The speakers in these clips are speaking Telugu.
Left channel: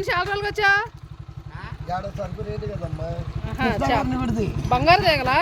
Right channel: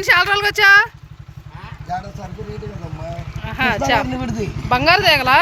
ఏంటి చాలా రోజులకి వచ్చా బంగారు తీగలా?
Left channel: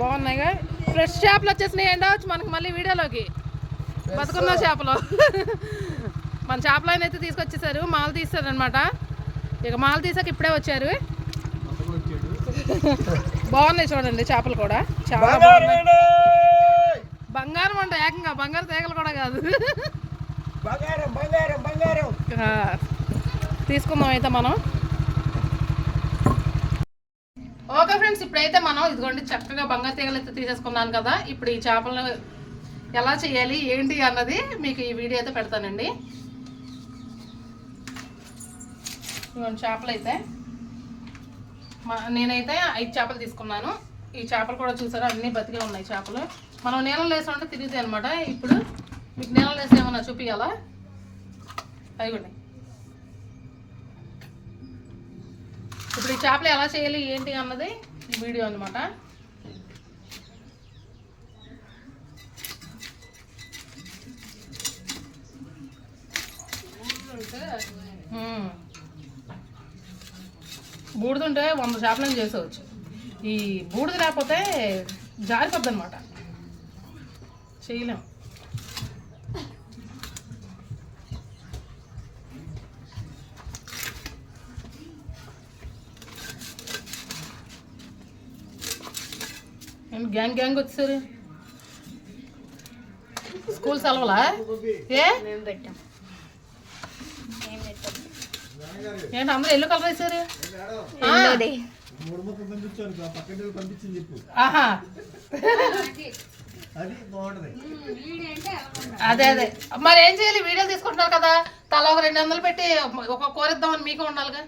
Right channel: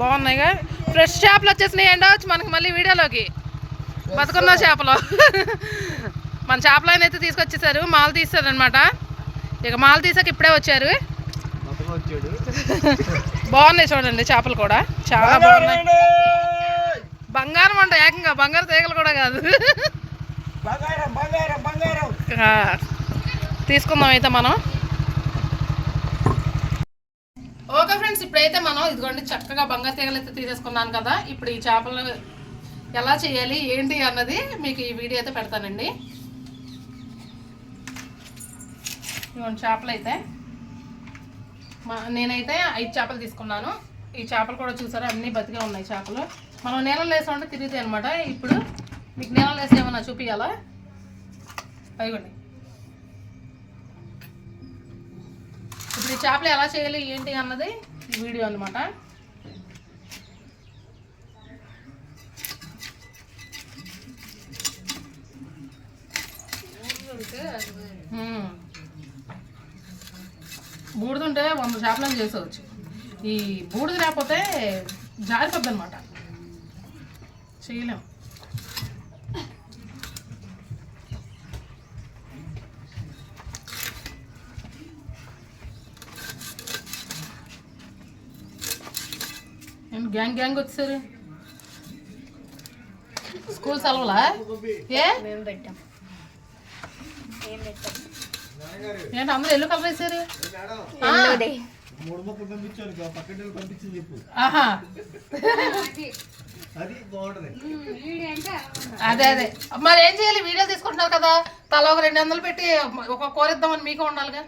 బాగున్నాయిగా ఫ్రెష్ చేపలు వచ్చేసినాయి ఎండవచ్చు మనకి మళ్ళీ వీడియోలోకి. బతుకున్న చేపలు. మన చేపలు ఆయన అయితే తీసుకొచ్చేసారు. మాలు తీస్తారనమాట ఇక మాలు తీసాక ఇప్పుడే వచ్చారు. బాగున్నాయి చూడండి చేపలు కూడా. చాలా బాగున్నాయి. బంగారం అంట ఏకంగా. బంగారు తీగలు కూడా కాదు. బంగారం బంగారం బంగారం. తీసుకుందాం అయితే మనం. ఓకే ఫ్రెండ్స్ ఇప్పుడైతే మనం ఇదిగోండి చక్కగా బంగారు తీగలు అయితే తీసేసుకున్నాను కదా. ఇప్పుడు ఈ చేపలను ఎలా చేయాలి ఏంటి అన్నది మీకు ఈ వీడియో అయితే పెడతానండి. ఇదిగోండి చేపలు అయితే మా నేనైతే ఐదు చేపలు తీసుకున్నాను. ఈ చేపలు కూడా చూసారా అన్నీ బతికే ఉన్నాయి చేపలు. మనం నీళ్ళలో వేసామంటే తిరుగుతాయి అనమాట ఇప్పుడు మీకు నీళ్ళలో వేసి ఏమన్నా చూపించాలా అదిగోండి. ఇప్పుడు ఈ చేపలు ఎలా చేయాలి ఏంటి అన్నది ఈ వీడియో అనమాట బూడిదుంటే వంద చేపలను చేసేవచ్చు. ఈ బూడిద లేకపోతే జారిపోద్ది అనమాట చేయలేము ఏంటి గ్యాంగ్ గ్యాంగ్ వచ్చారు స్కూల్ సెలవులా? ఏ? ఏంటి అందరూ ఎల్లు కలర్ వేసారు అదే అదే మరి ఏం చేయాలి? వీడియో తీసుకుంటున్నారు కదా. తల ఒక రెండు వందలు పెట్టి ఒక కూర ఇద్దామని మీకు ఉండాలిగా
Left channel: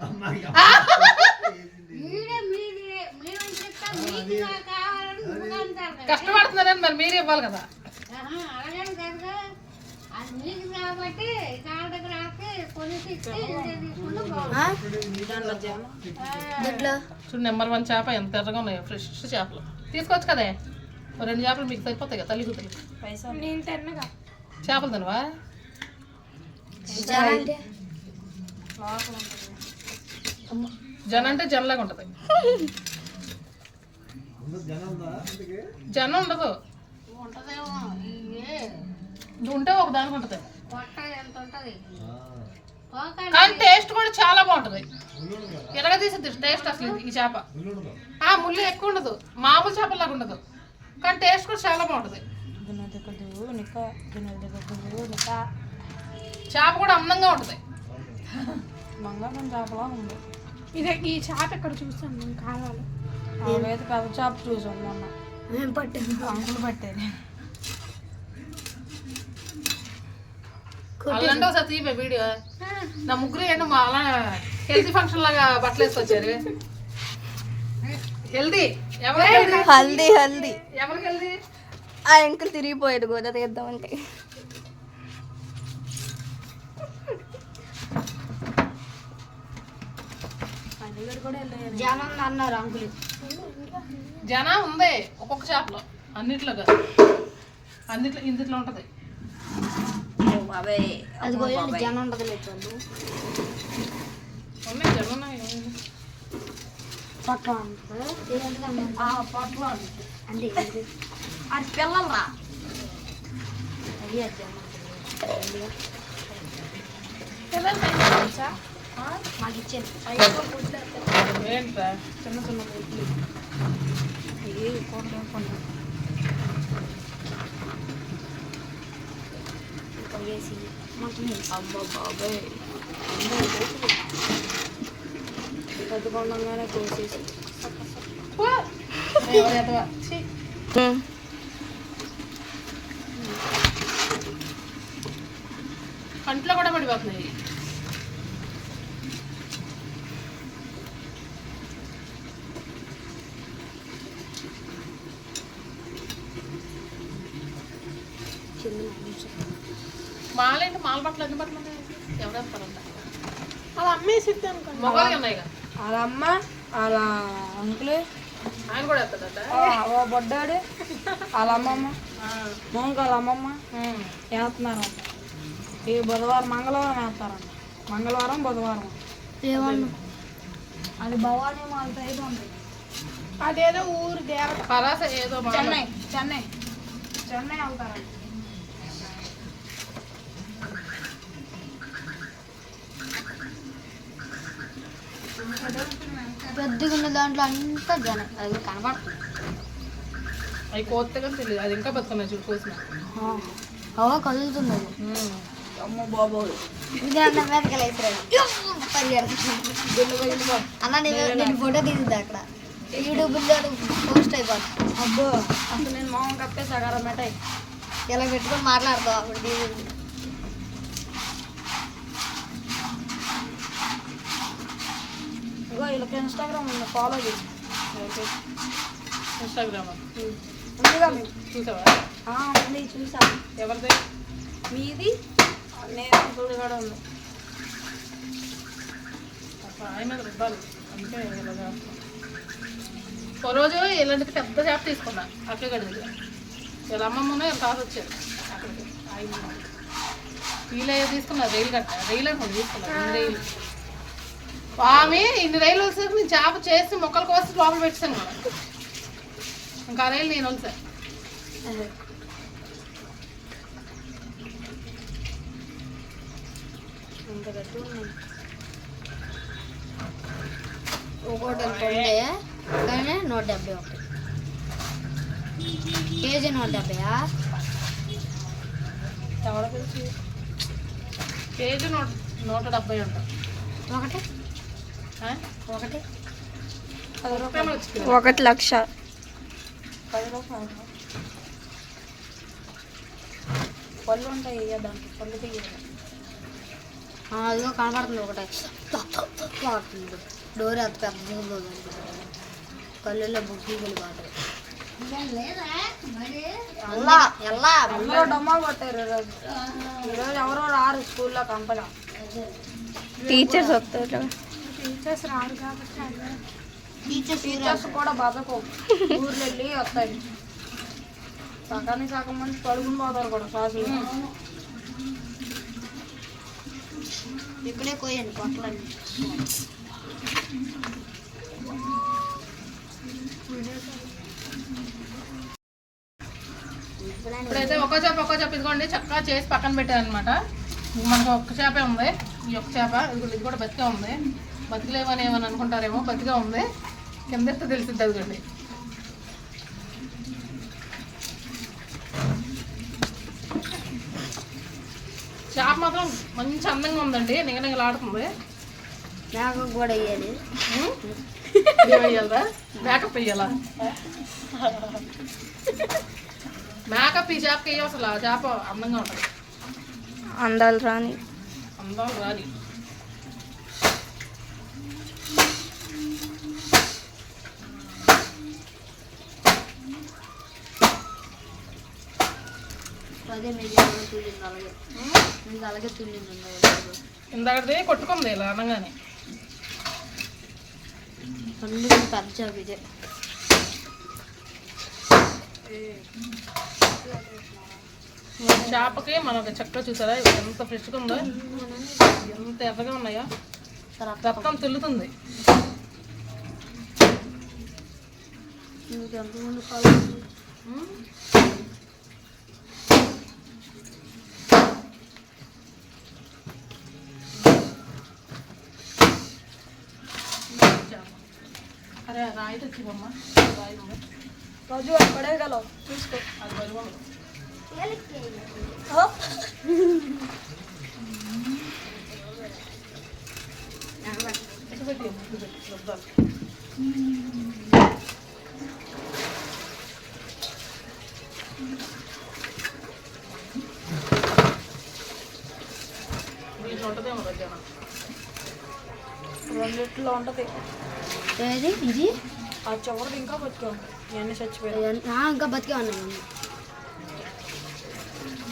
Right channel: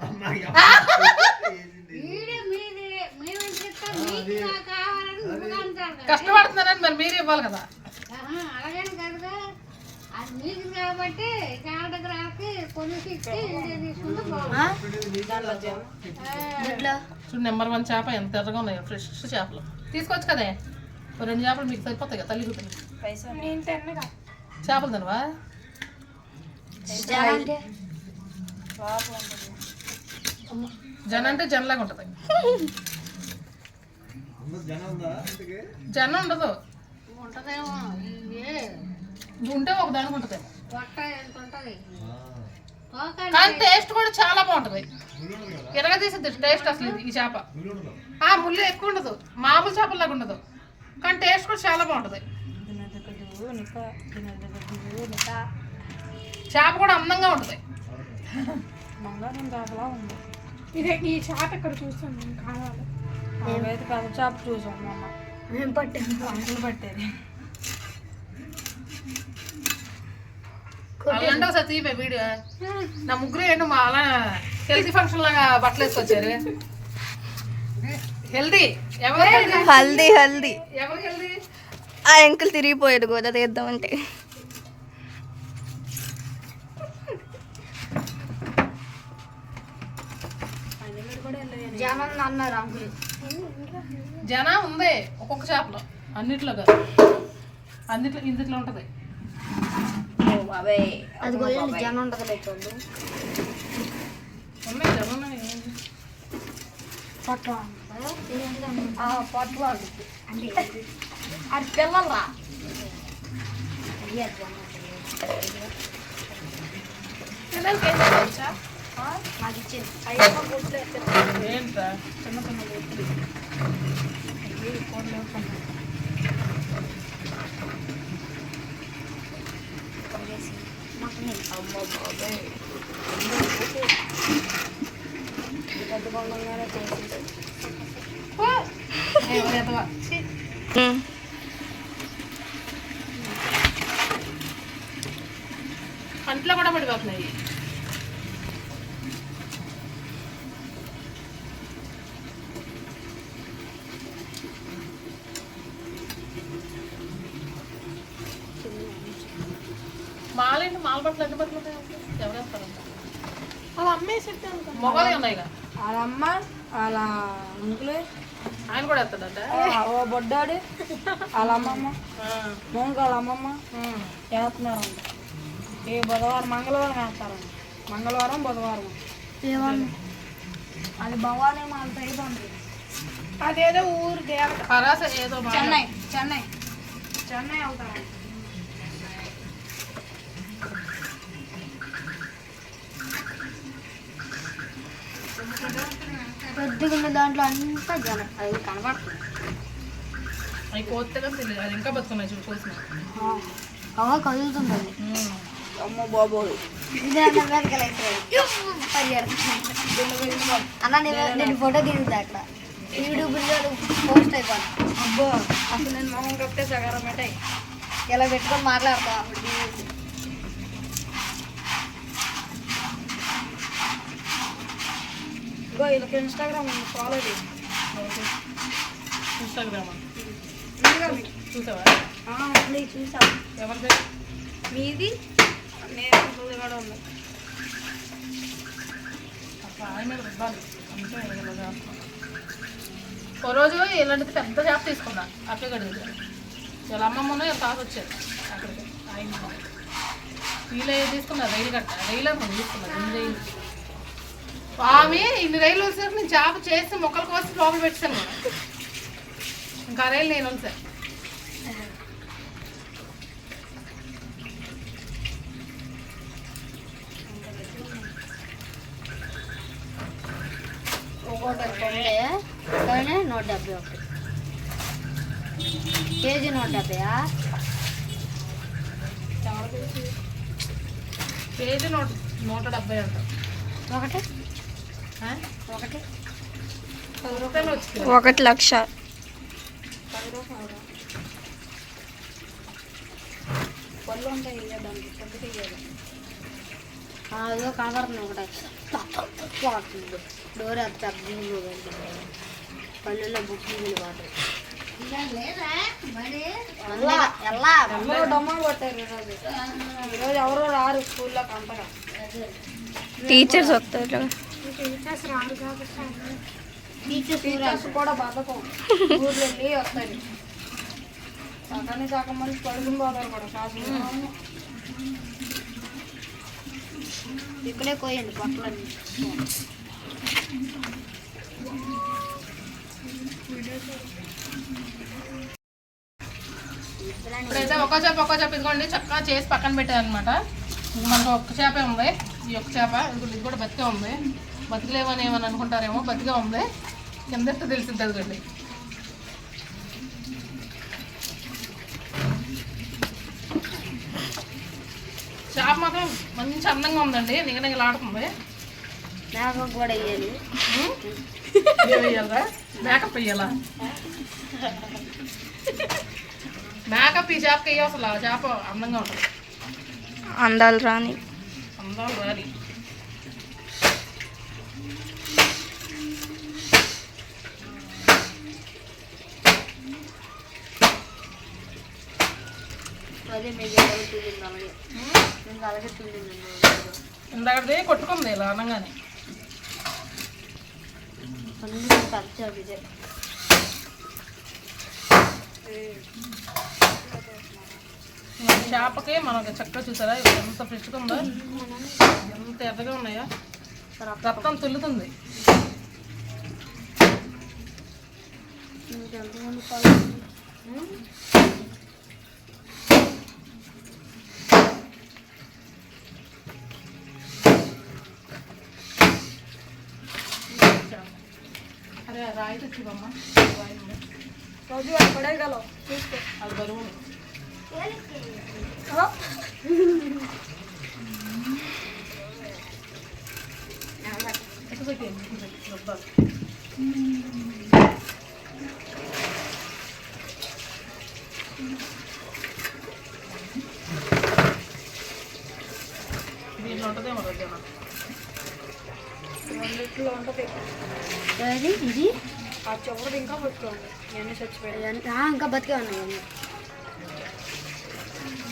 కష్టపడుతున్నారని మరి మీరు ఇవ్వాలి కదా. కాబట్టి చాలా దగ్గర వాళ్ళకి కొనేసి ఇచ్చి ఇంటికి తీసుకుంటే బాగుంటుంది. చూడు నెంబర్ వన్ చేప ఎంత ఎర్రగా ఉన్నాయో ఫ్రెష్ చేపలు. తీసుకోవచ్చు కదే? రెండు చేపలు మీకు సరిపోతాయి కదా తల్లి కూతురు చేపలు తినవా? జన అంటే? జనలాగా ఉంటుంది. జనం ఉండదు ఉంటదేమో ఇవే ఇది. ఉంటే ఒక దానికి ఉంటుంది పొట్ట ఎంత ఉంటది? ఆ. తోక కానీ టేస్ట్ కూడా చాలా బాగుంటుంది. ఎలాగ తీసిద్ది టేస్ట్ అసలు ఈ చేప. ఆ ముళ్ళు ఎక్కువ ఉండదు. మామూలు చేపలాగా ఉండదు. కానీ టేస్ట్ కూడా చాలా బాగుంటుంది. చేప కూడా అందంగా ఉంటుంది. ఇదే ఈ చేప ఇక్కడ చూస్తాను కావాలి. కథ చేప చూసాం అంకులు పట్టేది? అలాంటి ఒకసారి తీపే వీడియో. నా ముగ్గురు ఏంటో మా అలా హెల్తీ ఫంక్షన్ లాగా బట్టలు వేసుకొచ్చారు. హెల్దీ ఎవరు హెల్దీ హల్దీ హల్దీ. ఎవరు హెల్దీ ఆ అంకుల్ తిరిగిపోయాడు గోదా తీద్దామంటే. జనం అన్నారు అంకులు జన ఉంది ఒక్కొక్క చేపలో అన్నిట్లో కాదు. అన్నిట్లో ఇందుట్లో ఉంటుంది. అది కూడా జనం ఉన్నాయి పట్టు పట్టు అంటే అది పిల్లలరా. అది అది మాకు ఇచ్చేది ఏంట్రా చిన్న చిన్న బొట్లు. అమ్మ బాబాయ్ పెద్ద కొండంగానే చేసేసి పో. ఎవరు ఎదవా? ఛీ. కంట్లో కూడా పడిపోతున్నాయి మాలేంటి మాల బట్టలు ఎన్ని బట్టలు ఉన్నాయి ఎవరు వేస్తారంట అలా అమ్మేసి మొగలే ఉన్నాయిగా వాళ్ళ అమ్మ వాళ్ళ అంకులు. ఆయన కూడా వేస్తాడట ఓ బొడ్డాడు. వాళ్ళ అమ్మమ్మ. మొంగ వాళ్ళ అమ్మమ్మ. వేస్తున్నారంట ఈ బుధవారం మంగళవారం వేస్తారంట మంగళవారం బుధవారం. అది భవానీ మాల్ టైప్ అదేదో ఊరు దేవత. పరాస ఏదో. చెన్నై చెన్నై. చెన్నై వెళ్తారా పెద్దగా ఉన్న దాంట్లో అంతా జనం అది కనబడుతుంది అవి కోత్తగా తెలియదు అది ఇంకా బతుకున్నాయి చూడు కోసిన అవ కదులుతుంది. అమ్మ బాబోయ్ ఇది అన్న నేను నేను ఫోటో దిగుతా అక్కడ. యూట్యూబ్లో పోస్ట్ అయిపోతుంది అబ్బో అసలు నేను మొహం కప్పితే సగారం ఇలా పెట్టుకొని మాట్లాడతాం అప్పుడు ఇగో వీళ్ళకి ఇన్స్టాగ్రామ్ ఫాలో చేయి. ఇన్స్టాగ్రామ్ ఉందిగా? చూసావా? ఉంది చూసా. ఎవరిది మీది? నేను చూసి కూడా ఉంది. ఆయన మీద రుబ్బాలి అందుకే ఇలా చేస్తున్నాను ఓ రోజు ఇలాంటిది పెద్ద చేప తీసుకున్నా అక్క గడి దగ్గర వీళ్ళ అమ్మమ్మ వీళ్ళ తాత వచ్చారు అక్కడికి. ఆయన వీళ్ళు తీసుకున్నా రైలు కట్ట రైలు అనుకోండి తీసుకున్నా రెండు రైలు ఆమె ఇన్ని రైలు వచ్చేసరికి నేను చేప చేసి మొక్కలు కోసి లోపల పెట్టాను కూడా. ఇంకా రైలు నేను వలిసా ఒకటి అంటే కానీ నూట డెబ్బై ఒకటి. కేజీ నూట డెబ్బయా కేజీ నూట నూట డెబ్బై అంట. ఒకటి? ఒకటి. లక్ష. అదిగో ఒకటి. పడుతుంది డోర్ అంత పెద్ద బుక్కి వెళ్ళిపోతాయి ఎల్లా ఎల్లా. అందరూ డొమ్మలు కొట్టారు ఈరోజు. ఈరోజు ఎవరో రారు స్కూల్లోకి అంతగా టీచర్స్ వస్తారు టీచర్స్ రారు కాబట్టి టీచర్స్ కూడా బతకం ఊర్లో వెళ్ళి వస్తాయి? సగానికి సగం మంది పడుకుని పోతారు కూడా క్లాసులు. ఇక్కడే పోయండి పొట్టలన్నీ ఇప్పుడైతే ఒక్కో చేప ఒక్కో చేప ఇదిగోండి చక్కగా చేసి పక్కన పెట్టాను అనమాట మనకు ఒక్క చేపే ఉంది. ఈ ఒక్క చేప ఇది కూడా బతికే ఉంది. బతికలేమని ఏమని అనుకుంటారేమో బతికే ఉంది. కింద తెలిసిద్ది అదిగోండి. చేప మాత్రం మంచి అందంగా ఉందండి. నిగనిగలాడుతుంది నాకు కూడా వేయాలి. మేకప్ వేయాలా? మేకప్ ఈ చేపకి వేయ అసలు. ఆ చేప అందంగా ఉంటుంది. అందాలు రాని. అందాలు రాలి ఇందాకది కొట్టుకుంది ఇలా అనగానే. ఇదే. ఈ చేపకి మనకి చక్కగా చూసారా? ఎంత ఫ్రెష్గా ఉందో. ఎంత ఎర్రగా ఉన్నాయా. రక్తం తుల్లుతుంది. అరే రాయి తెచ్చివమ్మా రాయి. రోజు పడేయగలవు చూస్తే. అది బరువు. రెండిట్లో ఉంటుంది ఇది ఆ ఇంకా బతికే ఉంది. ఇవన్నీ చచ్చిపోయాయి అవన్నీ- ఆ, ఇంకా బతికే ఉన్నాయి అన్నీ అగో, కానీ చూసావా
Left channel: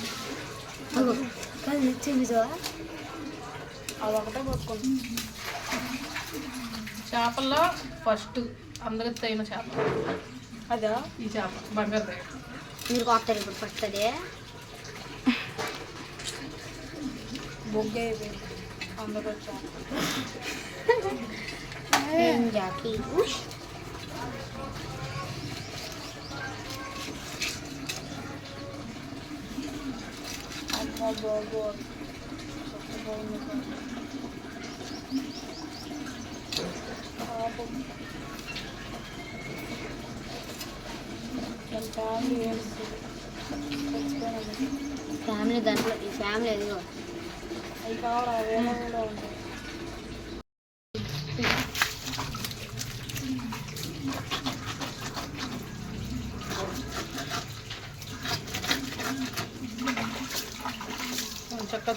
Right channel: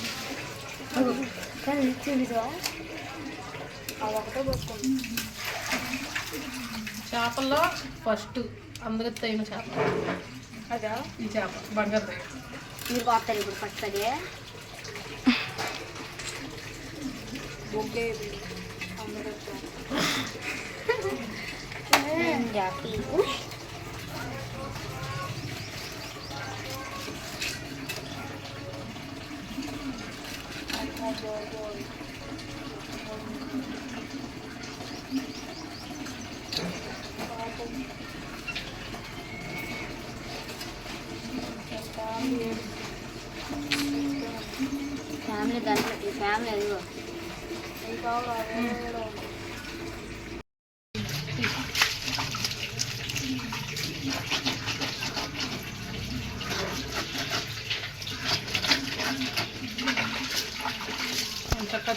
అదొకటే బతుకుంది చేపల్లో ఫస్ట్ అందరికి అయిన చేప. అదా? ఈ చేప బంగారు దగ్గర మీరు కొత్తారు ఇప్పుడు ఫస్ట్ అదే? మొగ్గే Lord.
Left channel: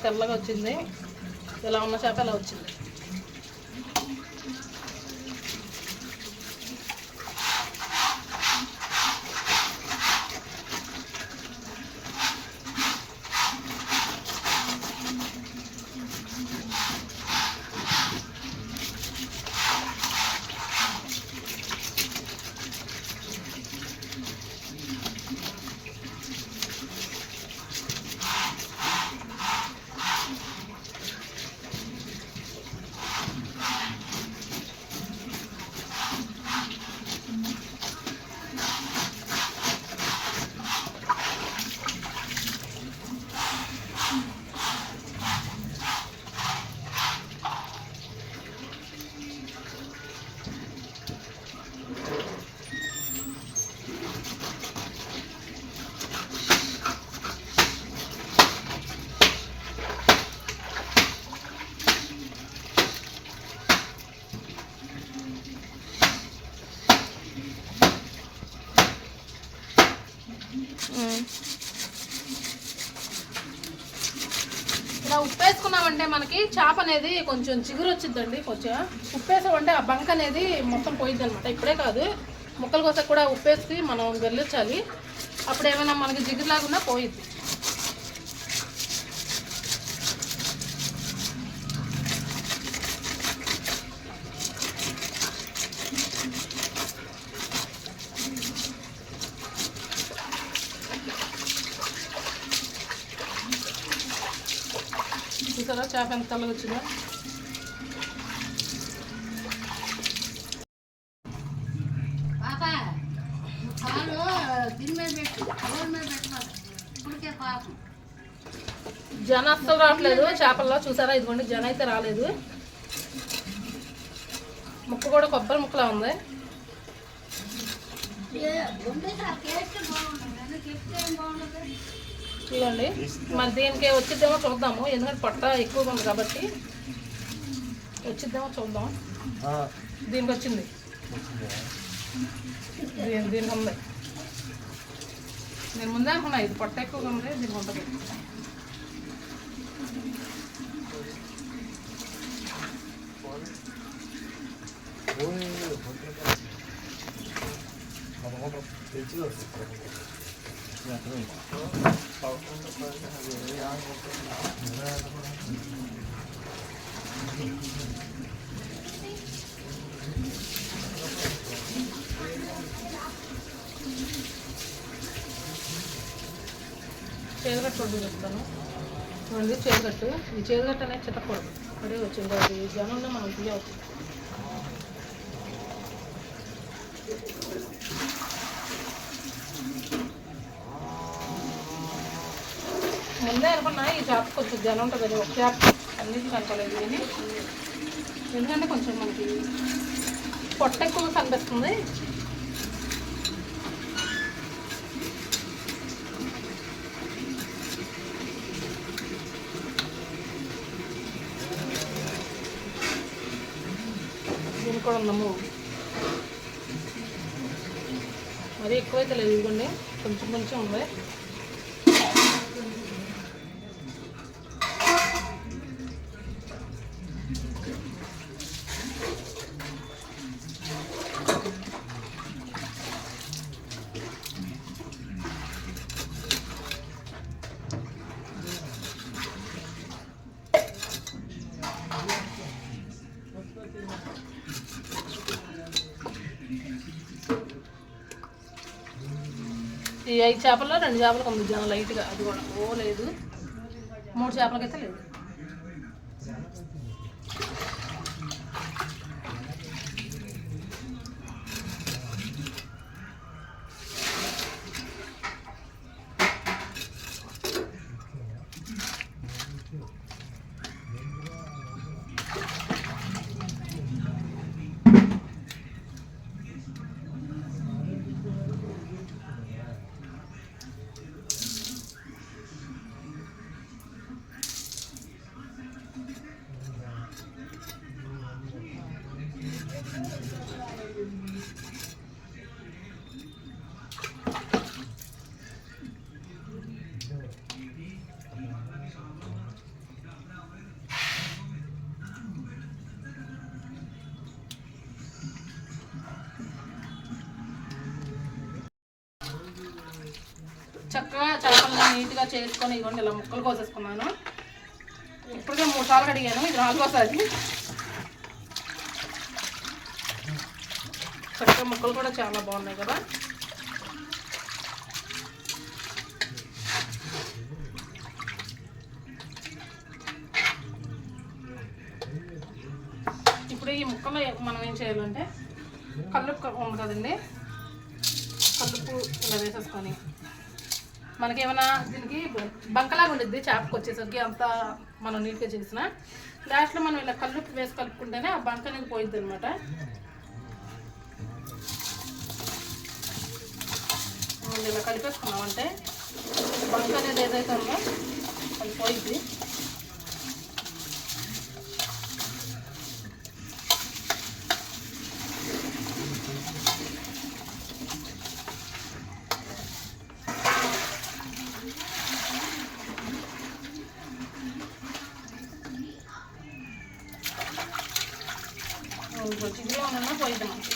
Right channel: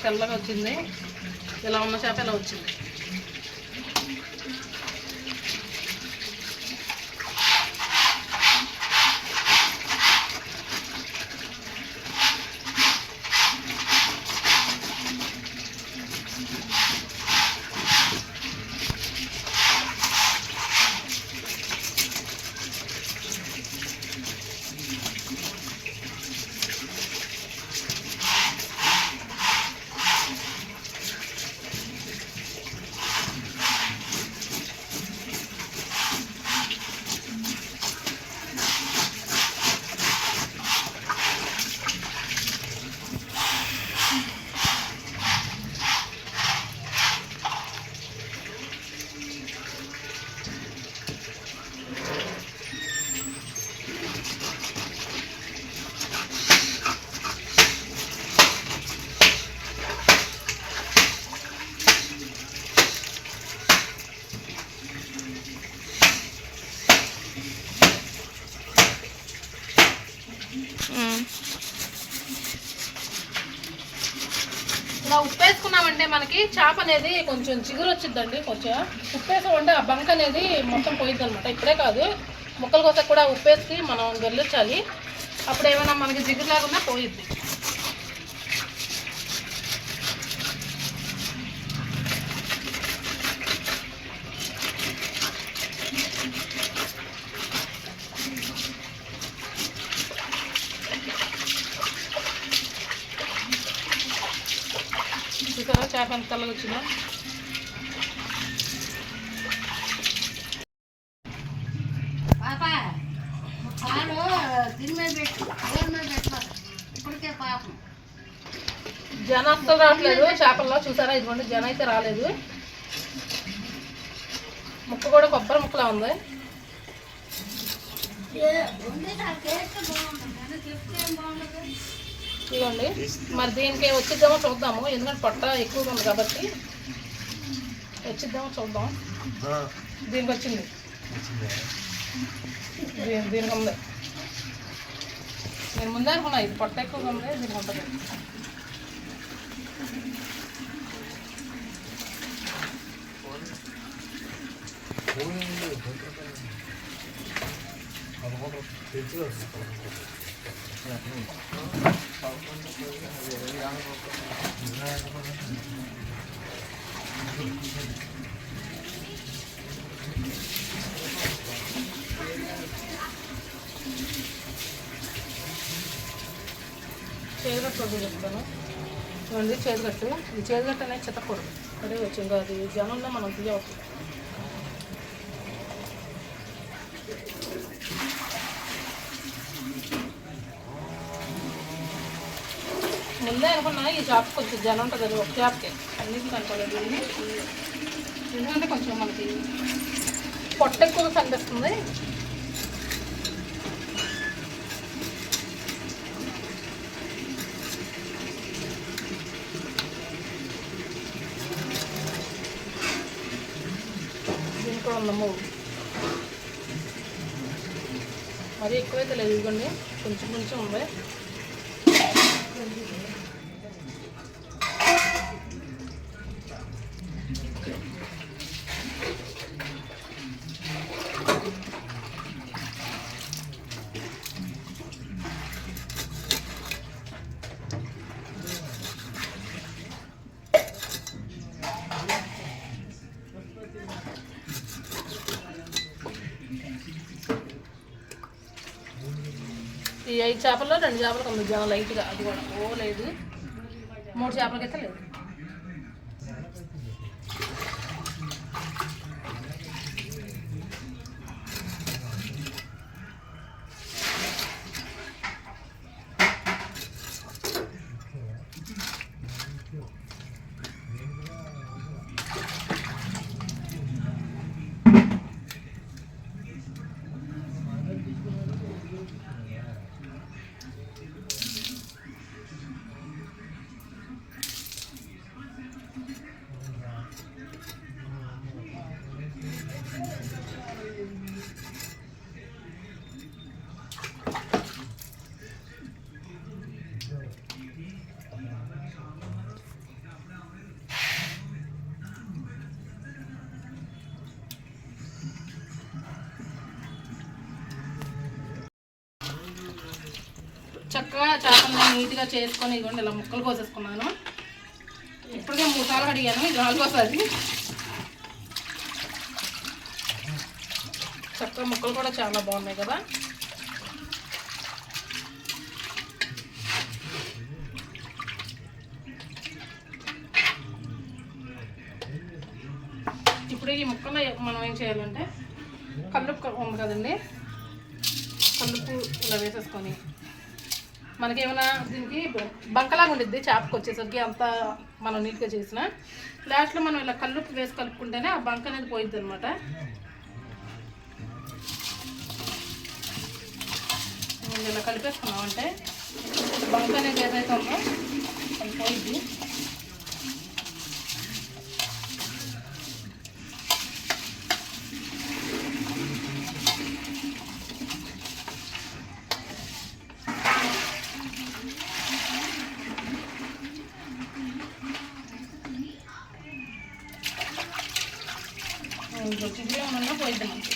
తెల్లగా వచ్చింది. ఇలా ఉన్న చేప ఇలా వచ్చింది? ఇలా ఉప్పు వేసుకున్నామంటే మనకి చేప అనేది కొంచెం చిగురు వచ్చిందండి కొంచెం ఉప్పేసామంటే ఆ బంక్ అనేది మొత్తం పోయిద్ది అనమాట ఇప్పుడే కాదు ముక్కల కోసం కూడా ఉప్పేసి మనం గెలిచాలి. అప్పుడు ఏమైనా మనకి జిగురు లేకుండా పోయిద్ది. తెల్లగా వచ్చిందో జన అస్సలు రావట్లేదు. చేపల్లో చూసారా? ఇదిగోండి జన అయితే రాలేదు. ముక్క కూడా కొబ్బరి ముక్కలా ఉంది. ఇదిగోండి. మరి దీనికి వచ్చిద్దామో చూద్దాము. ఎందుకంటే పొట్ట ఎక్కువగా ఉంది కాబట్టి వచ్చిద్దామో చూద్దాం. దీనికి వచ్చింది. దీని దీనికి ఉంది. నేను ముందే అనుకున్నా ఇది పొట్ట ఎక్కువగా ఉంది దీనికి ఉంటుంది. చేదుగట్టు వడ్డీ చెప్తాను. చూడండి చేతుగట్టు ఈ చేతుగట్టు అనేది చిత్తకూడదు అదే వచ్చింది. అది జనంలో మనం తీయవచ్చు ముందే అనుకున్నా ఈ షాప్ కొంచెం జనం ఉంటుందని ఒక షాప్ అన్నిటికీ కనుకోలేదు కానీ. ఎందుకంటే కొంచెం మనకి పొట్ట ఎక్కువగా కనిపిస్తుంది. దీనికి కూడా ఉన్నాము మరీ ఎక్కువైతే లేదు ఇదిగోండి. కొంచెం కొంచెం ఉంది ఈ ఐదు చేపల్లో రెండు చేపలకు ఉంది జనం లైట్గా. అది కూడా. ఓ లేదు. మూడు చేపలకైతే లేదు ఇలా చేసుకొని ఇవ్వండి ఇలా ముక్కలు కోసేసుకున్నాను. ఇప్పటికే మూడు సార్లు అడిగాను ఇది నాలుగోసారి చక్కగా ముక్కలు కూడా చాలా బాగున్నాయి కదా. ఇప్పుడు ఈ ముక్కలు మనం ఏం చేయాలంటే కల్లుప్పు ఉంది కదండి కల్లుప్పు ఇలా వేసేసుకొని మనకేమైనా దీనికి బంకలాగా ఉండిద్ది చేపకు వచ్చేసరికి అంత మనం నీట్గా చేసిన. లాస్ట్లో మనం ఇలా కల్లుప్పు వేసి కలుపుకుంటేనే ఆ బంక అనేది పోయిద్ది అనమాట ఇలా కలిపేసుకున్నామంటే బంక అనేది ఏదైతే ఉందో అది పోయిద్ది ఇంకో చిగురు ఉన్నా పోయిద్ది మనకి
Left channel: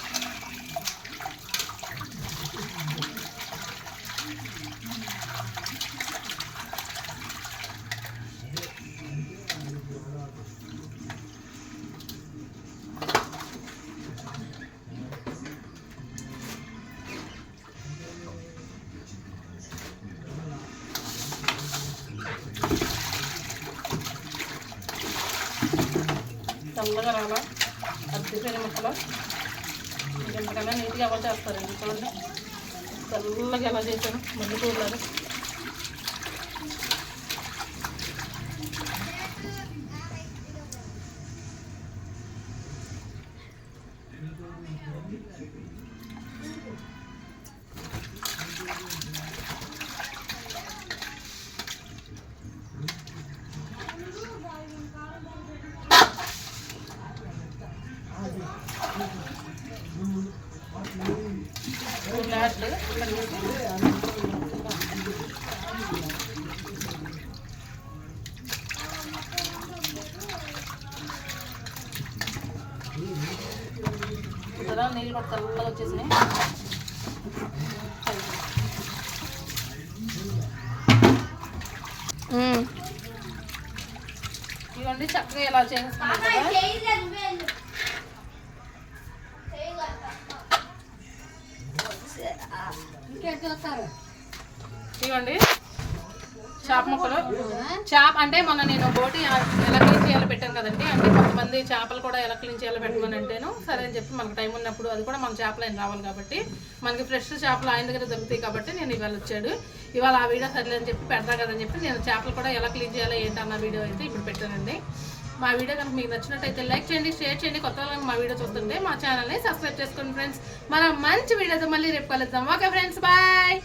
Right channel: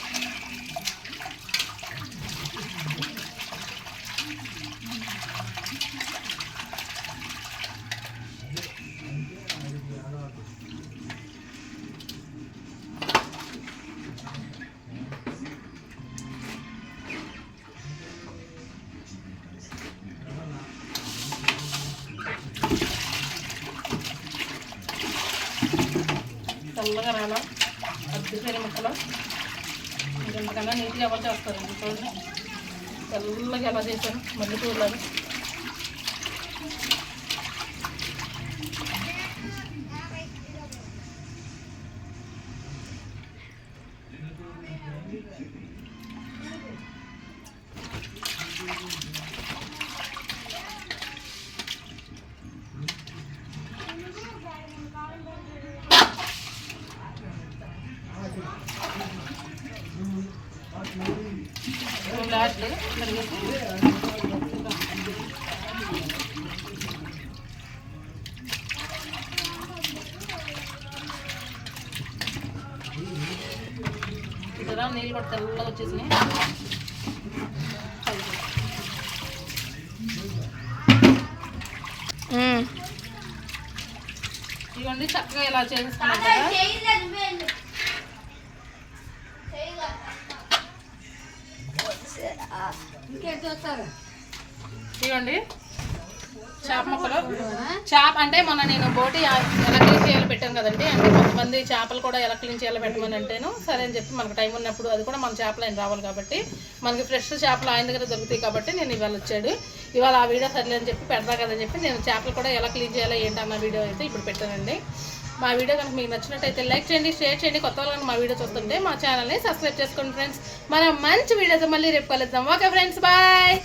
తెల్లగా రాల అద్దెపోయిన ముక్కలు ఇంకెంతకన్నా నీట్గా ఎవరు చేస్తారండి. చూడండి. తెల్లగా ఎలా చేశాను మళ్ళీ చూసారా నీళ్ళు కూడా తెల్లగా వచ్చేసినాయి. ఇవ్వండి చక్కగా ఇలా చేసుకున్నాం కదా. ఇవ్వండి. చేప ముక్కలు. చేప అంటే మొన్న నేను బోటి ఎలా క్లీన్ చేయాలో పెట్టాను కదండి. అంటే కొంతమంది చేపలు కూడా ఎలా క్లీన్ చేయాలో పెట్టమని అంటేను సరే అని చెప్పి మనకు టైం ఉన్నప్పుడు అది కూడా మన చేపలు ఆయన రావాలి కాబట్టి మనకి ఫ్రెష్ చేపలు ఆయన దగ్గర దొరుకుతాయి కాబట్టి నేను ఇవాళ వచ్చాడు. ఇవాళ ఆ వీడియో సర్లే అని చెప్పి పెడతా కదని చెప్పి నేను చేపలు కూడా ఎలా క్లీన్ చేయాలి ఏంటన్న వీడియో అయితే ఇప్పుడు పెట్టానండి. మా వీడియో కనుక మీకు నచ్చినట్టయితే లైక్ చేయండి షేర్ చేయండి. కొత్త వాళ్ళు మా వీడియో చూస్తుంటే మా ఛానల్ని సబ్స్క్రైబ్ చేసుకోండి ఫ్రెండ్స్ మనం మంచి వీడియోతో మళ్ళీ రేపు కలుద్దాం. Okay friends bye